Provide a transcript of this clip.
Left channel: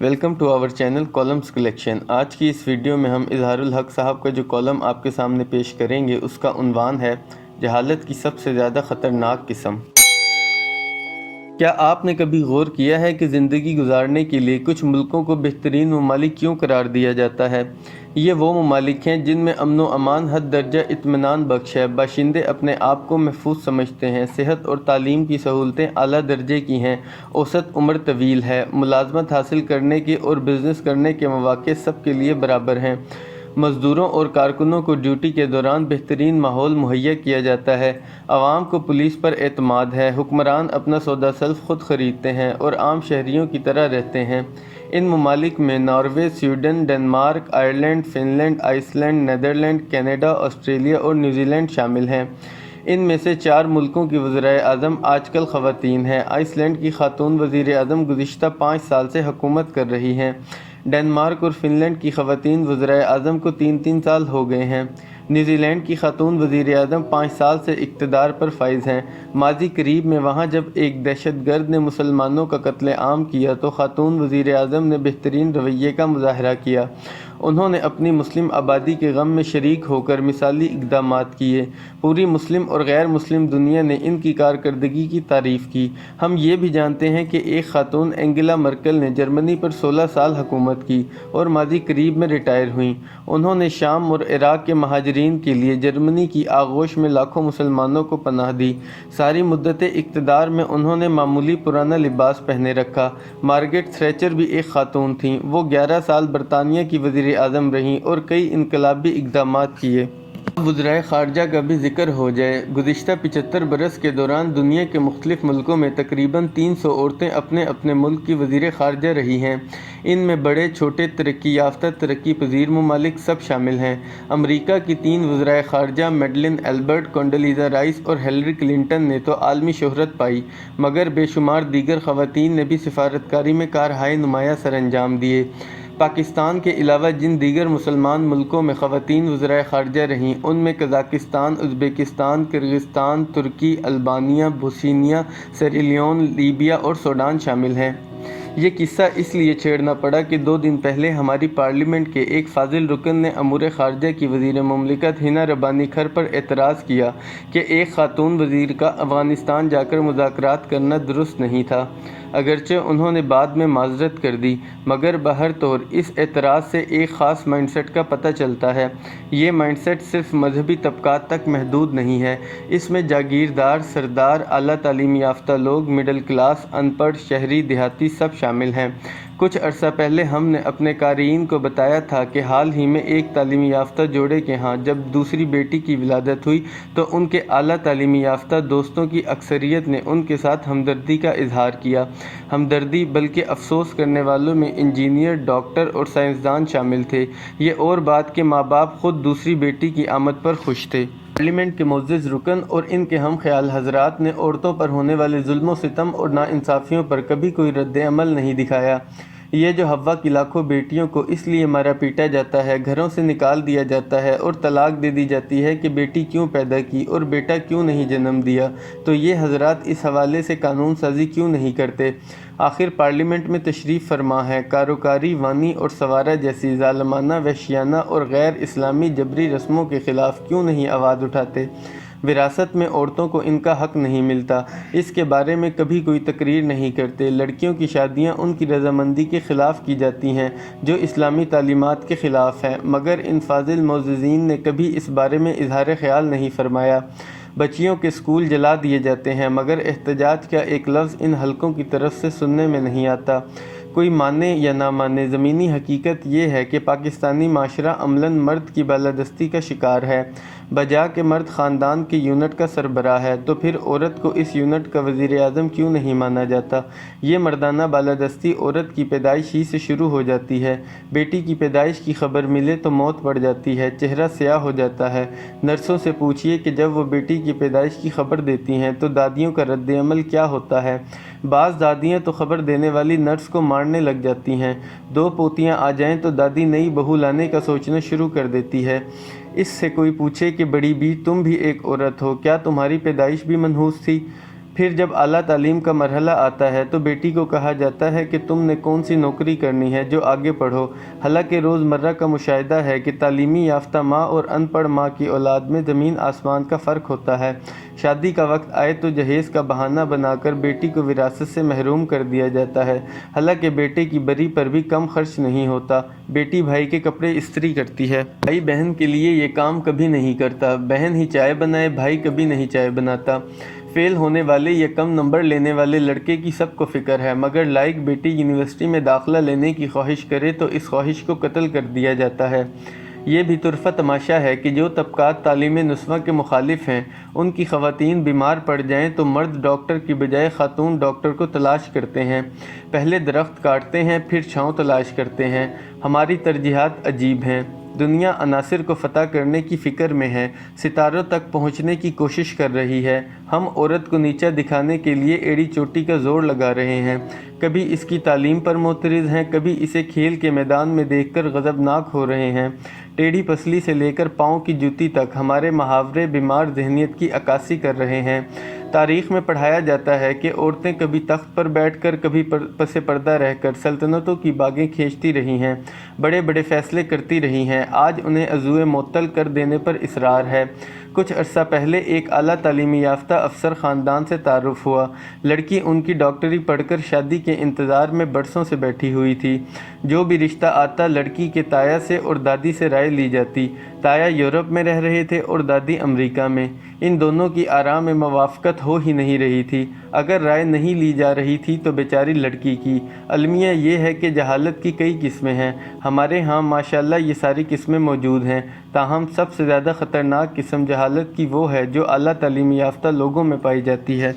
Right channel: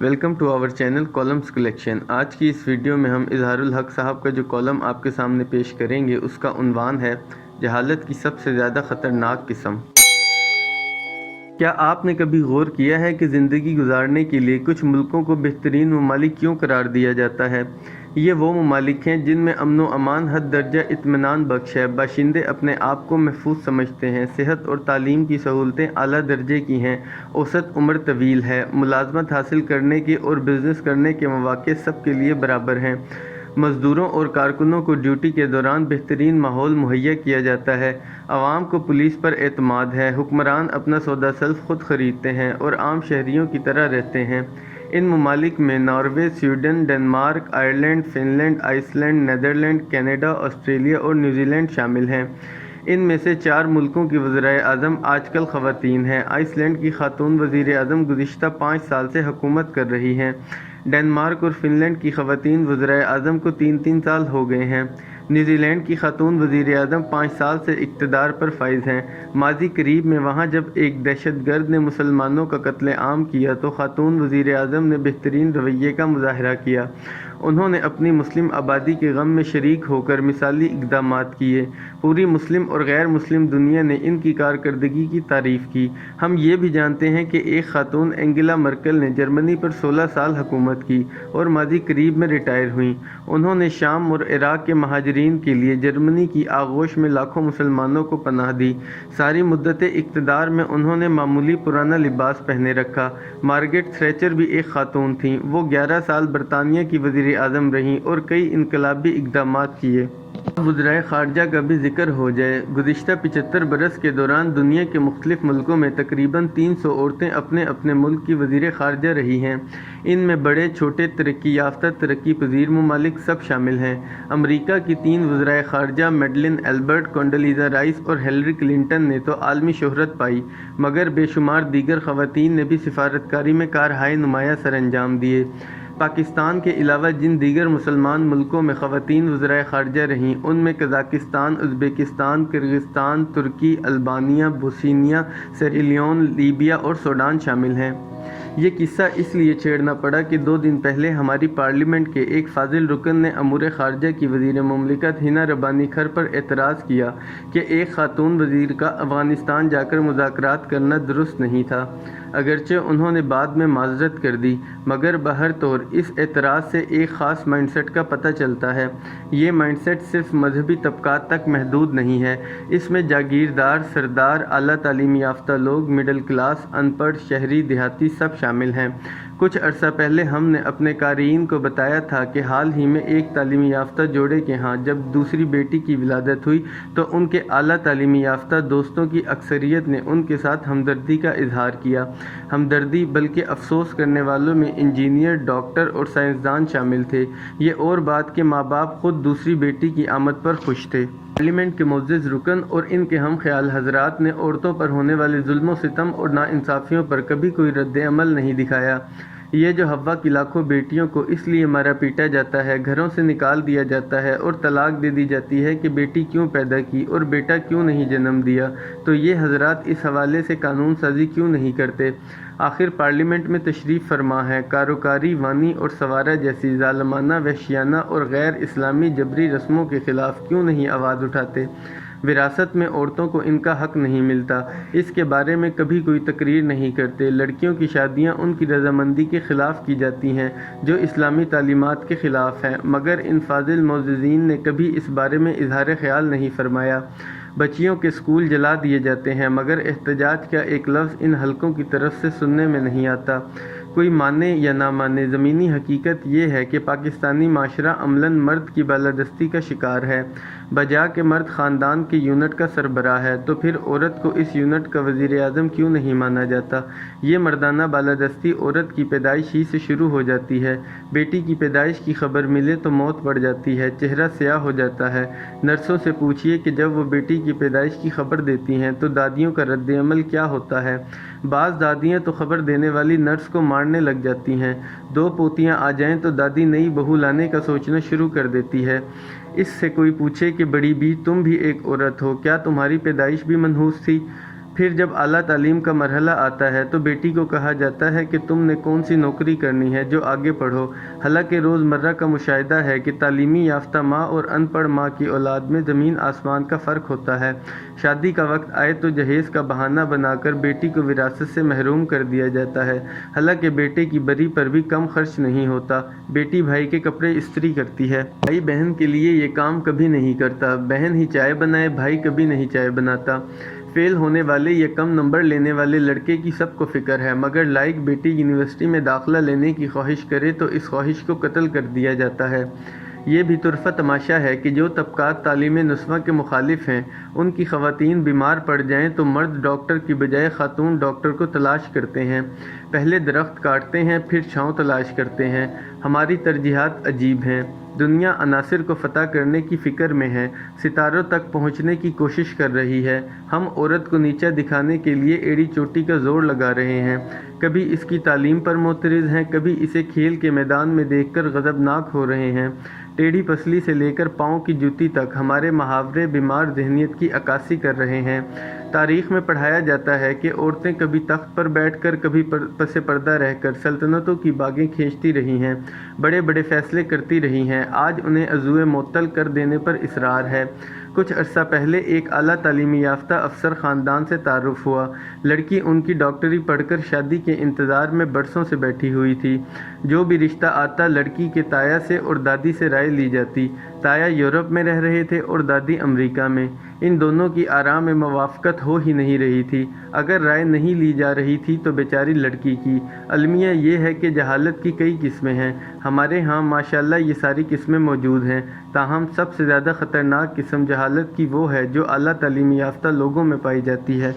Welcome to our channel کالمز collection. آج کی اس ویڈیو میں ہم اظہار الحق صاحب کا جو کالم آپ کے سامنے پیش کریں گے اس کا عنوان ہے جہالت کی سب سے زیادہ خطرناک قسم۔ کیا آپ نے کبھی غور کیا ہے کہ زندگی گزارنے کے لیے کچھ ملکوں کو بہترین ممالک کیوں قرار دیا جاتا ہے؟ یہ وہ ممالک ہیں جن میں امن و امان حد درجہ اطمینان بخش ہے، باشندے اپنے آپ کو محفوظ سمجھتے ہیں، صحت اور تعلیم کی سہولتیں اعلیٰ درجے کی ہیں، اوسط عمر طویل ہے، ملازمت حاصل کرنے کے اور بزنس کرنے کے مواقع سب کے لیے برابر ہیں، مزدوروں اور کارکنوں کو ڈیوٹی کے دوران بہترین ماحول مہیا کیا جاتا ہے، عوام کو پولیس پر اعتماد ہے، حکمران اپنا سودا سلف خود خریدتے ہیں اور عام شہریوں کی طرح رہتے ہیں۔ ان ممالک میں Norway, Sweden, Denmark, Ireland, Finland, Iceland, Netherland, Canada, Australia اور نیوزی لینڈ شامل ہیں۔ ان میں سے 4 ملکوں کی وزرائے اعظم آج کل خواتین ہیں۔ آئس لینڈ کی خاتون وزیر اعظم گزشتہ 5 سال سے حکومت کر رہی ہیں۔ ڈنمارک اور فن لینڈ کی خواتین وزرائے اعظم کو 3 سال ہو گئے ہیں۔ نیوزی لینڈ کی خاتون وزیر اعظم 5 سال سے اقتدار پر فائز ہیں۔ ماضی قریب میں وہاں جب ایک دہشت گرد نے مسلمانوں کا قتل عام کیا تو خاتون وزیر اعظم نے بہترین رویے کا مظاہرہ کیا۔ انہوں نے اپنی مسلم آبادی کے غم میں شریک ہو کر مثالی اقدامات کیے۔ پوری مسلم اور غیر مسلم دنیا نے ان کی کارکردگی کی تعریف کی۔ ہم یہ بھی جانتے ہیں کہ ایک خاتون اینگلا مرکل نے جرمنی پر 16 سال حکومت کی اور ماضی قریب میں ریٹائر ہوئیں۔ انہوں نے شام اور عراق کے مہاجرین کے لیے جرمنی کی آغوش میں لاکھوں مسلمانوں کو پناہ دی۔ ساری مدت اقتدار میں انہوں نے معمولی پرانا لباس پہنے رکھا۔ مارگریٹ تھریچر بھی ایک خاتون تھیں۔ وہ 11 سال برطانیہ کی وزیر اعظم رہیں اور کئی انقلابی اقدامات کیے۔ اب وزرائے خارجہ کا بھی ذکر ہو جائے۔ گزشتہ 75 برس کے دوران دنیا کے مختلف ملکوں میں تقریباً 300 عورتیں اپنے اپنے ملک کی وزیر خارجہ رہی ہیں۔ ان میں بڑے چھوٹے ترقی یافتہ ترقی پذیر ممالک سب شامل ہیں۔ امریکہ کی 3 وزرائے خارجہ میڈلن ایلبرٹ، کونڈولیزا رائس اور ہلیری کلنٹن نے تو عالمی شہرت پائی، مگر بے شمار دیگر خواتین نے بھی سفارتکاری میں کارہائے نمایاں سر انجام دیے۔ پاکستان کے علاوہ جن دیگر مسلمان ملکوں میں خواتین وزرائے خارجہ رہیں ان میں قزاقستان، ازبکستان، کرغزستان، ترکی، البانیہ، بوسنیا، سیری لیون، لیبیا اور سوڈان شامل ہیں۔ یہ قصہ اس لیے چھیڑنا پڑا کہ 2 دن پہلے ہماری پارلیمنٹ کے ایک فاضل رکن نے امور خارجہ کی وزیر مملکت ہنا ربانی کھر پر اعتراض کیا کہ ایک خاتون وزیر کا افغانستان جا کر مذاکرات کرنا درست نہیں تھا۔ اگرچہ انہوں نے بعد میں معذرت کر دی، مگر بہر طور اس اعتراض سے ایک خاص مائنڈ سیٹ کا پتہ چلتا ہے۔ یہ مائنڈ سیٹ صرف مذہبی طبقات تک محدود نہیں ہے، اس میں جاگیردار، سردار، اعلیٰ تعلیم یافتہ لوگ، مڈل کلاس، ان پڑھ، شہری، دیہاتی سب شامل ہیں۔ کچھ عرصہ پہلے ہم نے اپنے قارئین کو بتایا تھا کہ حال ہی میں ایک تعلیم یافتہ جوڑے کے ہاں جب دوسری بیٹی کی ولادت ہوئی تو ان کے اعلیٰ تعلیم یافتہ دوستوں کی اکثریت نے ان کے ساتھ ہمدردی کا اظہار کیا۔ ہمدردی بلکہ افسوس کرنے والوں میں انجینئر، ڈاکٹر اور سائنسدان شامل تھے۔ یہ اور بات کہ ماں باپ خود دوسری بیٹی کی آمد پر خوش تھے۔ پارلیمنٹ کے معزز رکن اور ان کے ہم خیال حضرات نے عورتوں پر ہونے والے ظلم و ستم اور ناانصافیوں پر کبھی کوئی رد عمل نہیں دکھایا۔ یہ جو حوا کی لاکھوں بیٹیوں کو اس لیے مارا پیٹا جاتا ہے، گھروں سے نکال دیا جاتا ہے اور طلاق دے دی جاتی ہے کہ بیٹی کیوں پیدا کی اور بیٹا کیوں نہیں جنم دیا، تو یہ حضرات اس حوالے سے قانون سازی کیوں نہیں کرتے؟ آخر پارلیمنٹ میں تشریف فرما ہے، کاروکاری، وانی اور سوارا جیسی ظالمانہ، وحشیانہ اور غیر اسلامی جبری رسموں کے خلاف کیوں نہیں آواز اٹھاتے؟ وراثت میں عورتوں کو ان کا حق نہیں ملتا، اس کے بارے میں کبھی کوئی تقریر نہیں کرتے۔ لڑکیوں کی شادیاں ان کی رضامندی کے خلاف کی جاتی ہیں جو اسلامی تعلیمات کے خلاف ہیں، مگر ان فاضل معززین نے کبھی اس بارے میں اظہار خیال نہیں فرمایا۔ بچیوں کے اسکول جلا دیے جاتے ہیں، مگر احتجاج کا ایک لفظ ان حلقوں کی طرف سے سننے میں نہیں آتا۔ کوئی مانے یا نہ مانے، زمینی حقیقت یہ ہے کہ پاکستانی معاشرہ عملاً مرد کی بالادستی کا شکار ہے۔ بجا کہ مرد خاندان کے یونٹ کا سربراہ ہے تو پھر عورت کو اس یونٹ کا وزیر اعظم کیوں نہیں مانا جاتا؟ یہ مردانہ بالادستی عورت کی پیدائش ہی سے شروع ہو جاتی ہے۔ بیٹی کی پیدائش کی خبر ملے تو موت پڑ جاتی ہے، چہرہ سیاہ ہو جاتا ہے۔ نرسوں سے پوچھئے کہ جب وہ بیٹی کی پیدائش کی خبر دیتی ہیں تو دادیوں کا رد عمل کیا ہوتا ہے؟ بعض دادیاں تو خبر دینے والی نرس کو مارنے لگ جاتی ہیں۔ 2 پوتیاں آ جائیں تو دادی نئی بہو لانے کا سوچنا شروع کر دیتی ہے۔ اس سے کوئی پوچھے کہ بڑی بی تم بھی ایک عورت ہو، کیا تمہاری پیدائش بھی منحوس تھی؟ پھر جب اعلیٰ تعلیم کا مرحلہ آتا ہے تو بیٹی کو کہا جاتا ہے کہ تم نے کون سی نوکری کرنی ہے جو آگے پڑھو۔ حالانکہ روزمرہ کا مشاہدہ ہے کہ تعلیمی یافتہ ماں اور ان پڑھ ماں کی اولاد میں زمین آسمان کا فرق ہوتا ہے۔ شادی کا وقت آئے تو جہیز کا بہانہ بنا کر بیٹی کو وراثت سے محروم کر دیا جاتا ہے، حالانکہ بیٹے کی بری پر بھی کم خرچ نہیں ہوتا۔ بیٹی بھائی کے کپڑے استری کرتی ہے، بھائی بہن کے لیے یہ کام کبھی نہیں کرتا۔ بہن ہی چائے بنائے، بھائی کبھی نہیں چائے بناتا۔ فیل ہونے والے یا کم نمبر لینے والے لڑکے کی سب کو فکر ہے، مگر لائق بیٹی یونیورسٹی میں داخلہ لینے کی خواہش کرے تو اس خواہش کو قتل کر دیا جاتا ہے۔ یہ بھی طرفہ تماشا ہے کہ جو طبقات تعلیم نسواں کے مخالف ہیں، ان کی خواتین بیمار پڑ جائیں تو مرد ڈاکٹر کی بجائے خاتون ڈاکٹر کو تلاش کرتے ہیں، پہلے درخت کاٹتے ہیں پھر چھاؤں تلاش کرتے ہیں۔ ہماری ترجیحات عجیب ہیں۔ دنیا عناصر کو فتح کرنے کی فکر میں ہے، ستاروں تک پہنچنے کی کوشش کر رہی ہے۔ ہم عورت کو نیچا دکھانے کے لیے ایڑی چوٹی کا زور لگا رہے ہیں، کبھی اس کی تعلیم پر معترض ہیں، کبھی اسے کھیل کے میدان میں دیکھ کر غضبناک ہو رہے ہیں۔ ٹیڑھی پسلی سے لے کر پاؤں کی جوتی تک ہمارے محاورے بیمار ذہنیت کی عکاسی کر رہے ہیں۔ تاریخ میں پڑھایا جاتا ہے کہ عورتیں کبھی تخت پر بیٹھ کر، کبھی پس پردہ رہ کر سلطنتوں کی باگیں کھینچتی رہی ہیں، بڑے بڑے فیصلے کرتی رہی ہیں۔ آج انہیں عضوِ معطل کر دینے پر اصرار ہے۔ کچھ عرصہ پہلے ایک اعلیٰ تعلیمی یافتہ افسر خاندان سے تعارف ہوا۔ لڑکی ان کی ڈاکٹری پڑھ کر شادی کے انتظار میں برسوں سے بیٹھی ہوئی تھی۔ جو بھی رشتہ آتا لڑکی کے تایا سے اور دادی سے رائے لی جاتی۔ تایا یورپ میں رہ رہے تھے اور دادی امریکہ میں۔ ان دونوں کی آراء میں موافقت ہو ہی نہیں رہی تھی۔ اگر رائے نہیں لی جا رہی تھی تو بیچاری لڑکی کی۔ المیہ یہ ہے کہ جہالت کی کئی قسمیں ہیں۔ ہمارے ہاں ماشاءاللہ یہ ساری قسمیں موجود ہیں، تاہم سب سے زیادہ خطرناک قسم جہالت کی وہ ہے جو اعلیٰ تعلیم یافتہ لوگوں میں پائی جاتی ہے۔